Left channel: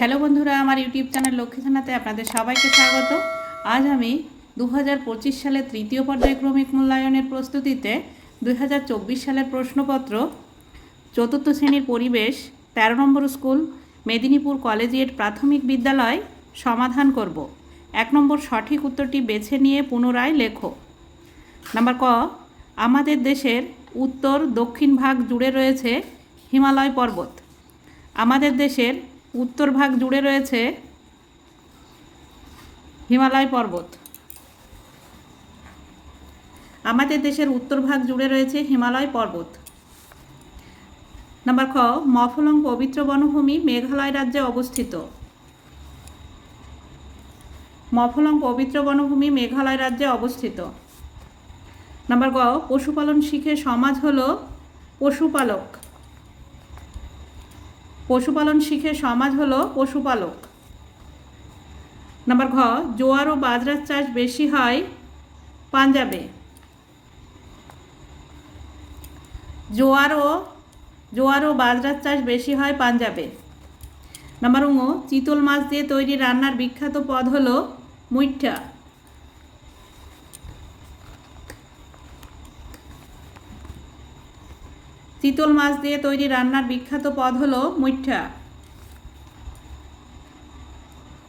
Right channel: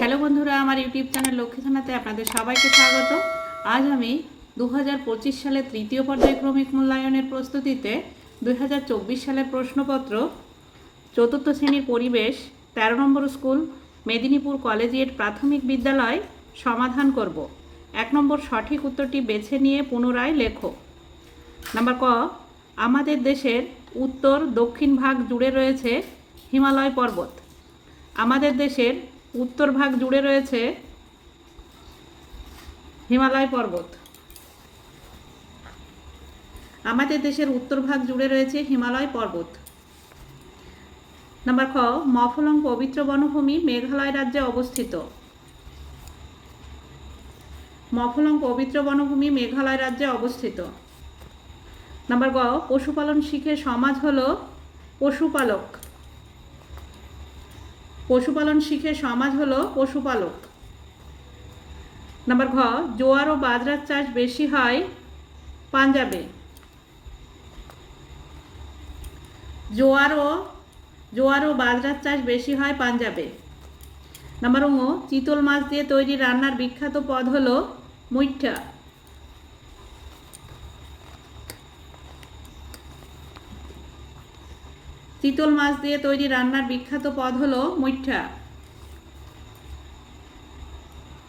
Hello বন্ধুরা, আমার YouTube channel Lakshmi জানাতে আপনাদের সবাইকে স্বাগত। আজ আমি দু সালের তৃতীয় পর্যায়ক্রমিক মূল্যায়নের প্রস্তুতিতে দু হাজার চব্বিশ সালের প্রশ্নপত্র, চতুর্থ শ্রেণির পরিবেশ, তেরো নম্বর স্কুল, মেদিনীপুর কলেজিয়েট প্রাথমিক বিদ্যালয় সমাধান করব। এক নম্বর সঠিক উত্তরটি বেছে নিয়ে পুনরায় লেখো। নাম্বার ক, আমাদের দেশের উত্তর দক্ষিণ ভাগ জুড়ে রয়েছে হিমালয় পর্বত। আমাদের দেশের উত্তর ভাগ জুড়ে রয়েছে হিমালয় পর্বত। আমাদের দেশের উত্তর ভাগ জুড়ে রয়েছে হিমালয় পর্বত। নাম্বার খ, মফলং পবিত্র বনভূমি মেঘালয় রাজ্যে অবস্থিত। মফলং পবিত্র বনভূমি মেঘালয় রাজ্যে অবস্থিত। নাম্বার গ, পশুপালন শিখে সমাজ হল পশুপালক। পশুপালন শিখে সমাজ হলো পশুপালক। নাম্বার ঘ, জোয়ার ও বাজরার চাষ বেশি হয় পাঞ্জাবে। জোয়ার ও জোয়ার ও বাজরার চাষ বেশি হয় পাঞ্জাবে। নাম্বার ও চিতল মাছ দিয়ে তৈরি রান্নার বিখ্যাত পদ হলো মুইঠা। চিতল মাছ দিয়ে তৈরি রান্নার বিখ্যাত পদ হলো মুইঠা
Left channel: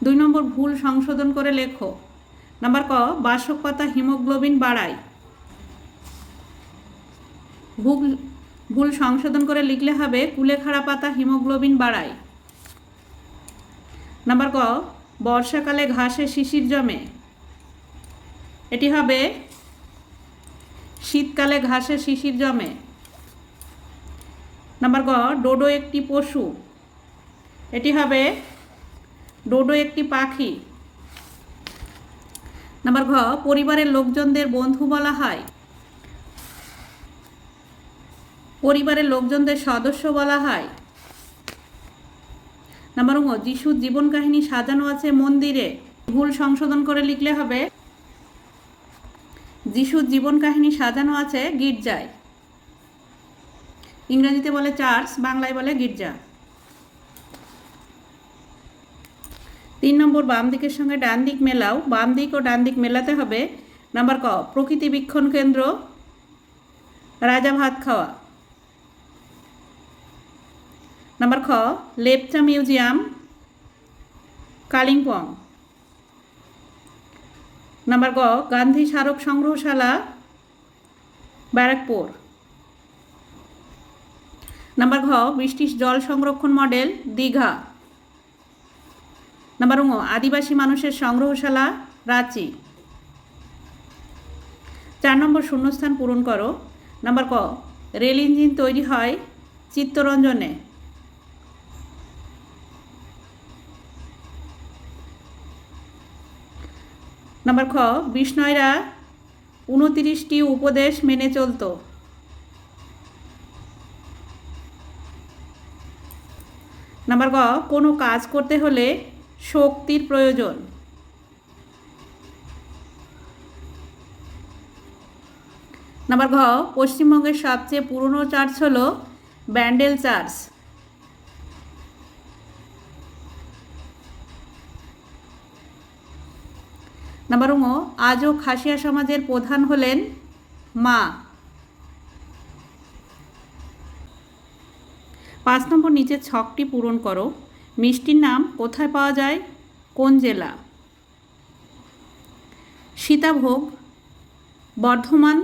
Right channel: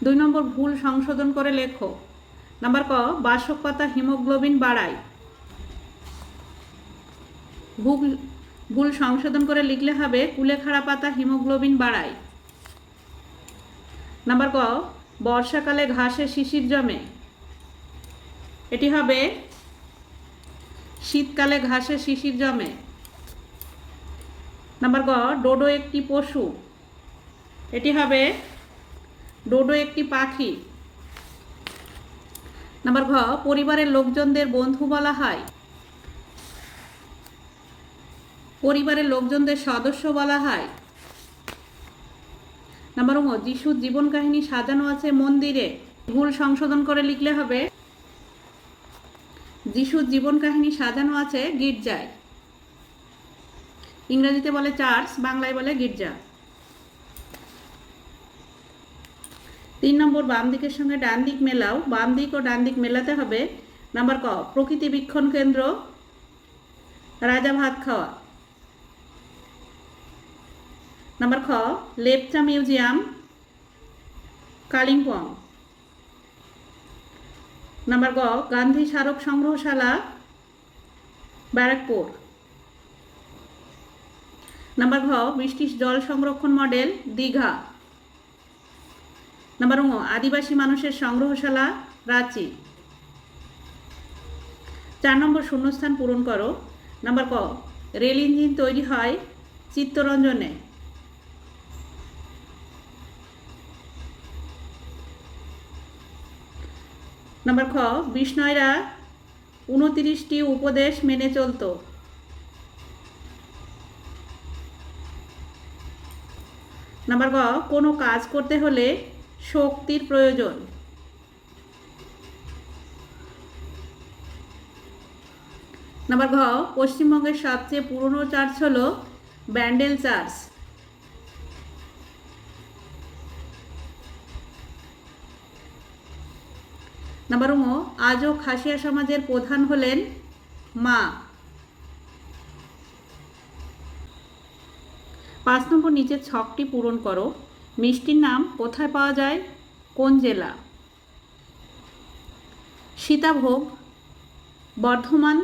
দুই নম্বর, ভুল সংশোধন করে লেখো। নাম্বার ক, বাসক পাতা হিমোগ্লোবিন বাড়ায়। ভুল ভুল সংশোধন করে লিখলে হবে কুলেখাড়া পাতা হিমোগ্লোবিন বাড়ায়। নাম্বার ক, বর্ষাকালে ঘাসে শিশির জমে। এটি হবে শীতকালে ঘাসে শিশির জমে। নাম্বার গ, ডোডো একটি পশু। এটি হবে ডোডো একটি পাখি। নাম্বার ঘ, পরিবারের লোকজনদের বন্ধু বলা হয়। পরিবারের লোকজনদের সদস্য বলা হয়। নাম্বার ও, যিশুর জীবন কাহিনী সাজানো আছে মন্দিরে। ভুল সংশোধন করে লিখলে হবে, যিশুর জীবন কাহিনী সাজানো আছে গির্জায়। ইংরেজিতে বলে চার্চ, বাংলায় বলে গির্জা। তিন নম্বর, বাম দিকের সঙ্গে ডান দিক মেলাও। বাম দিক ও ডান দিক মেলাতে হবে নাম্বার ক, প্রকৃতি বীক্ষণ কেন্দ্র, রাজা ভাত খাওয়া। নাম্বার খ, লেপচা মিউজিয়াম, কালিম্পং। নাম্বার গ, গান্ধী স্মারক সংগ্রহশালা, ব্যারাকপুর। নাম্বার ঘ বৃষ্টির জল সংরক্ষণ মডেল, দীঘা। নাম্বার ও আদিবাসী মানুষের সংগ্রহশালা, রাঁচি। চার নম্বর, শূন্যস্থান পূরণ করো। নাম্বার ক, রেল ইঞ্জিন তৈরি হয় চিত্তরঞ্জনে। নাম্বার খ, বিষ্ণয়রা উনতিরিশটি উপদেশ মেনে চলতো। নাম্বার গ, কোনো কাজ করতে হলে শক্তির প্রয়োজন। নাম্বার ঘ পশ্চিমবঙ্গের সবচেয়ে পুরনো চার্চ হল ব্যান্ডেল চার্চ। নাম্বার ও আজও খাসিয়া সমাজের প্রধান হলেন মা। পাঁচ নিচের ছকটি পূরণ করো। মিষ্টির নাম কোথায় পাওয়া যায়? কোন জেলা? সীতাভোগ, বর্ধমান।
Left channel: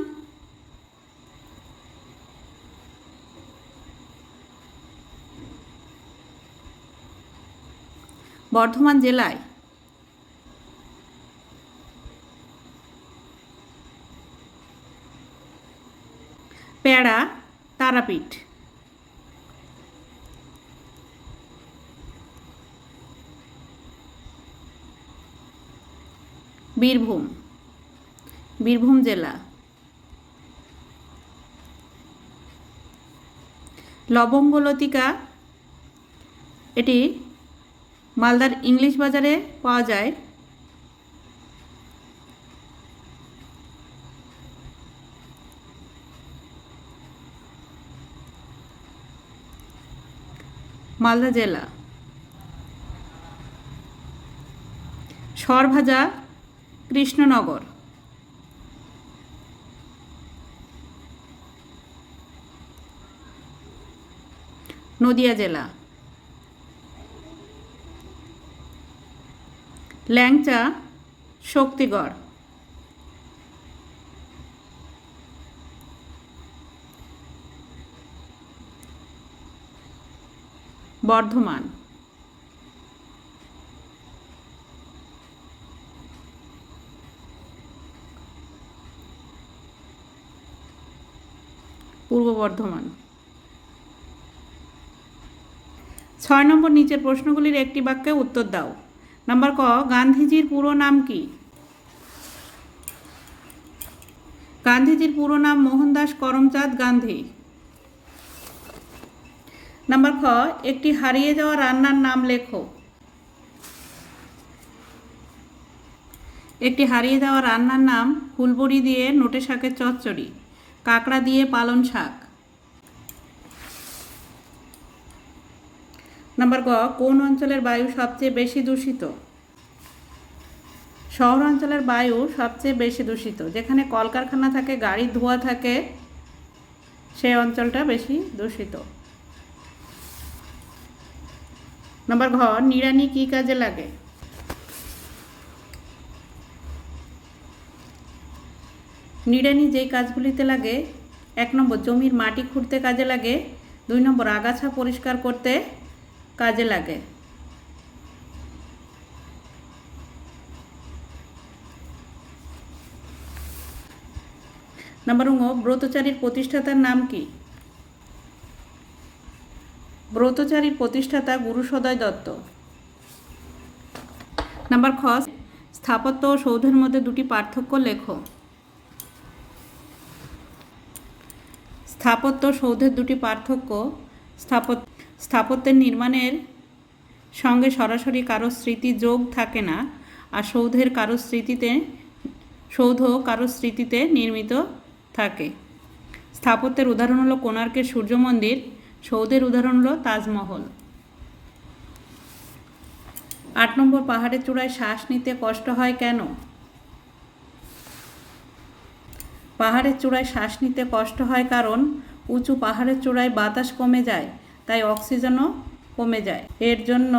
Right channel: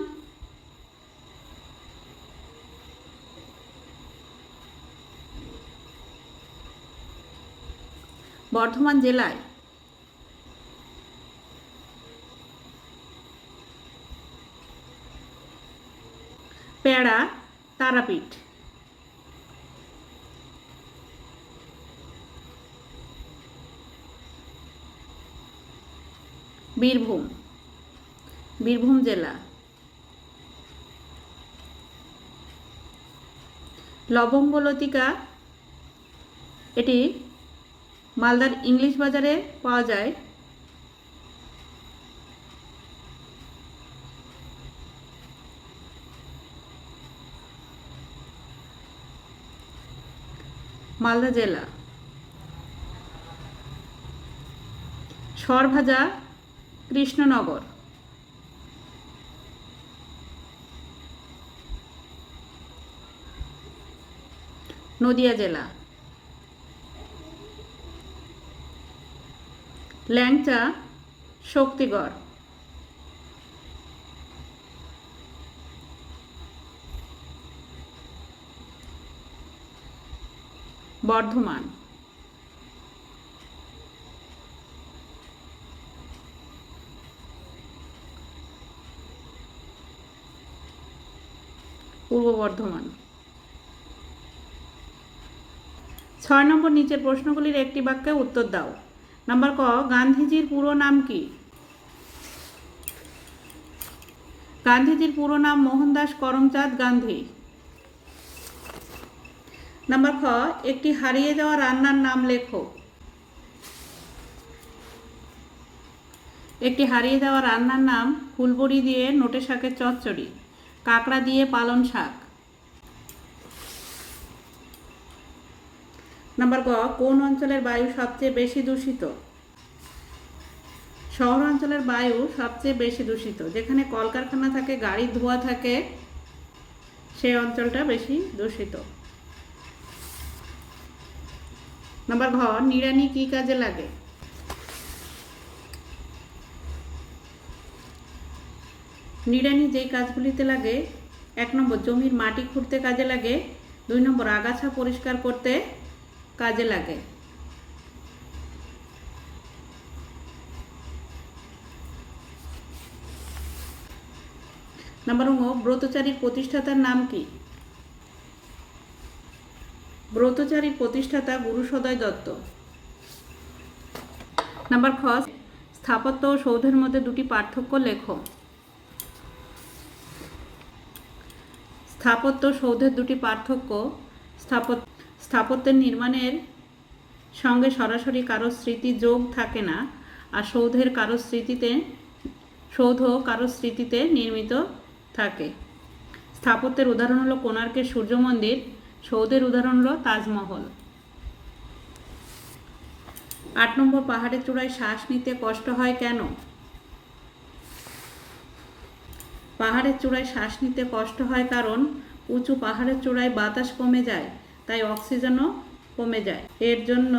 বর্ধমান জেলায়। প্যাড়া তারাপীঠ। বীরভূম। বীরভূম জেলা। লবঙ্গলতিকা এটি মালদার ইংলিশ বাজারে পাওয়া যায়। মালদা জেলা। সরভাজা কৃষ্ণনগর। নদিয়া জেলা। ল্যাংচা শক্তিগড়। বর্ধমান। পূর্ব বর্ধমান। ছয় নম্বর নিচের প্রশ্নগুলির একটি বাক্যে উত্তর দাও। নাম্বার ক, গান্ধীজির পুরো নাম কি? গান্ধীজির পুরো নাম মোহনদাস করমচাঁদ গান্ধী। নাম্বার খ, একটি হারিয়ে যাওয়া রান্নার নাম লেখো। একটি হারিয়ে যাওয়া রান্নার নাম ফুলবড়ি দিয়ে নোটে শাকের চচ্চড়ি। কাঁকড়া দিয়ে পালন শাক। নাম্বার গ, কোন অঞ্চলের বায়ু সবচেয়ে বেশি দূষিত? শহর অঞ্চলের বায়ু সবচেয়ে বেশি দূষিত। যেখানে কলকারখানা থাকে, গাড়ির ধোঁয়া থাকে, সে অঞ্চলটা বেশি দূষিত। নাম্বার ঘ, নিড়ানি কি কাজে লাগে? নিড়ানি যেই কাজগুলিতে লাগে, এক নম্বর জমির মাটি খুঁড়তে কাজে লাগে, দুই নম্বর আগাছা পরিষ্কার করতে কাজে লাগে। নাম্বার ঙ ব্রতচারীর প্রতিষ্ঠাতার নাম কি? ব্রতচারীর প্রতিষ্ঠাতা গুরু সদয় দত্ত। নাম্বার খ, স্থাপত্য ও সৌধের মধ্যে দুটি পার্থক্য লেখো। স্থাপত্য সৌধের দুটি পার্থক্য স্থাপত্য স্থাপত্যের নির্মাণের সঙ্গে সরাসরি কারও স্মৃতি যোগ থাকে না, আর সৌধের কারও স্মৃতিতে, সৌধ কারও স্মৃতিতে নির্মিত থাকে। স্থাপত্যের উদাহরণ হলো কোণার্কের সূর্য মন্দির, সৌধের উদাহরণ হলো তাজমহল। আট নম্বর পাহাড়ের চূড়ায় শ্বাস নিতে কষ্ট হয় কেন? পাহাড়ের চূড়ায় শ্বাস নিতে কষ্ট হয় কারণ উঁচু পাহাড়ের চূড়ায় বাতাস কমে যায়, তাই অক্সিজেনও কমে যায়। এর জন্য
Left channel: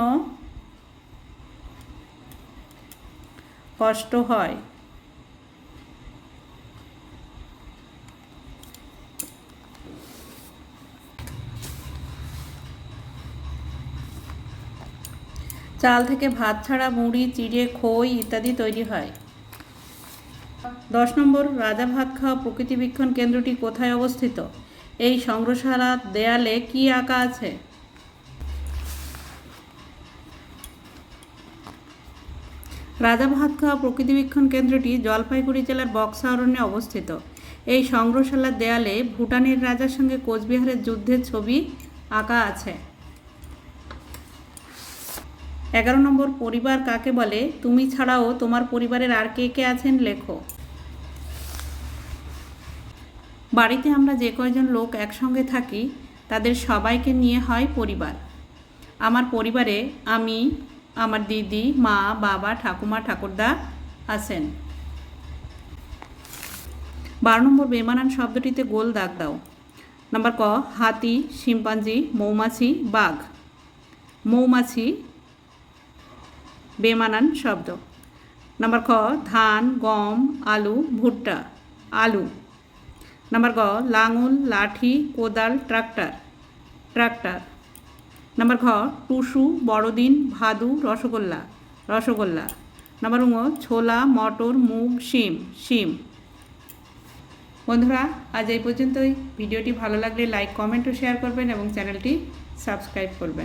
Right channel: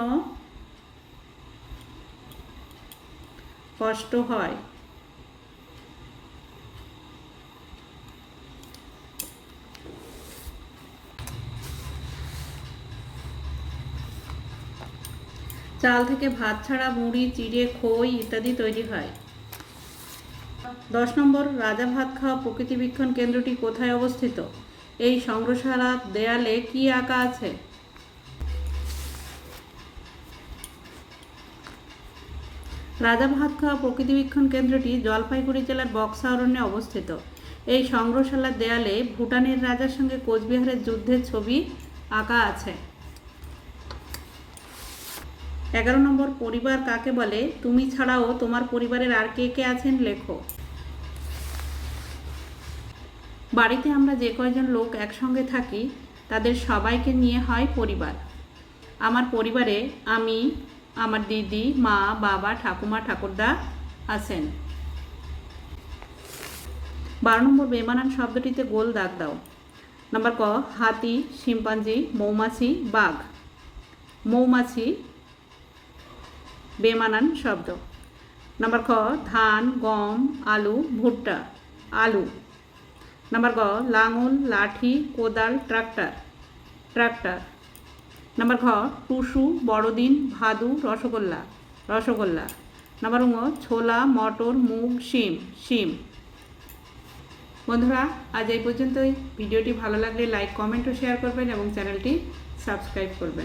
কষ্ট হয়। চাল থেকে ভাত ছাড়া মুড়ি, চিড়ে, খই ইত্যাদি তৈরি হয়। দশ নম্বর, রাজা ভাত খাওয়া কেন্দ্রটি কোথায় অবস্থিত? এই সংগ্রহশালার দেয়ালে কি আঁকা আছে? রাজা ভাত খাওয়া কেন্দ্রটি জলপাইগুড়ি জেলার বক্সা অরণ্যে অবস্থিত। এই সংগ্রহশালার দেয়ালে ভুটানের রাজার সঙ্গে কোচবিহারের যুদ্ধের ছবি আঁকা আছে। এগারো নম্বর, পরিবার কাকে বলে? তুমি ছাড়াও তোমার পরিবারের আর কে কে আছেন? লেখো। বাড়িতে আমরা যে কয়জন লোক একসঙ্গে থাকি, তাদের সবাইকে নিয়ে হয় পরিবার। আমার পরিবারে আমি, আমার দিদি, মা, বাবা, ঠাকুমা, ঠাকুরদা আছেন। বারো নম্বর বেমানান শব্দটিতে গোল দাগ দাও। নাম্বার ক, হাতি, শিম্পাঞ্জি, মৌমাছি, বাঘ। মৌমাছি বেমানান শব্দ। নাম্বার খ, ধান, গম, আলু, ভুট্টা। আলু। নাম্বার গ লাঙল লাঠি কোদাল ট্রাক্টর ট্রাক্টর নাম্বার ঘ টুসু বড়দিন ভাদু রসগোল্লা রসগোল্লা নাম্বার ঙ ছোলা মটর মুগ শিম শিম বন্ধুরা, আজ এই পর্যন্তই। ভিডিওটি ভালো লাগলে লাইক কমেন্ট ও শেয়ার করবেন এবং চ্যানেলটি সাবস্ক্রাইব করবেন।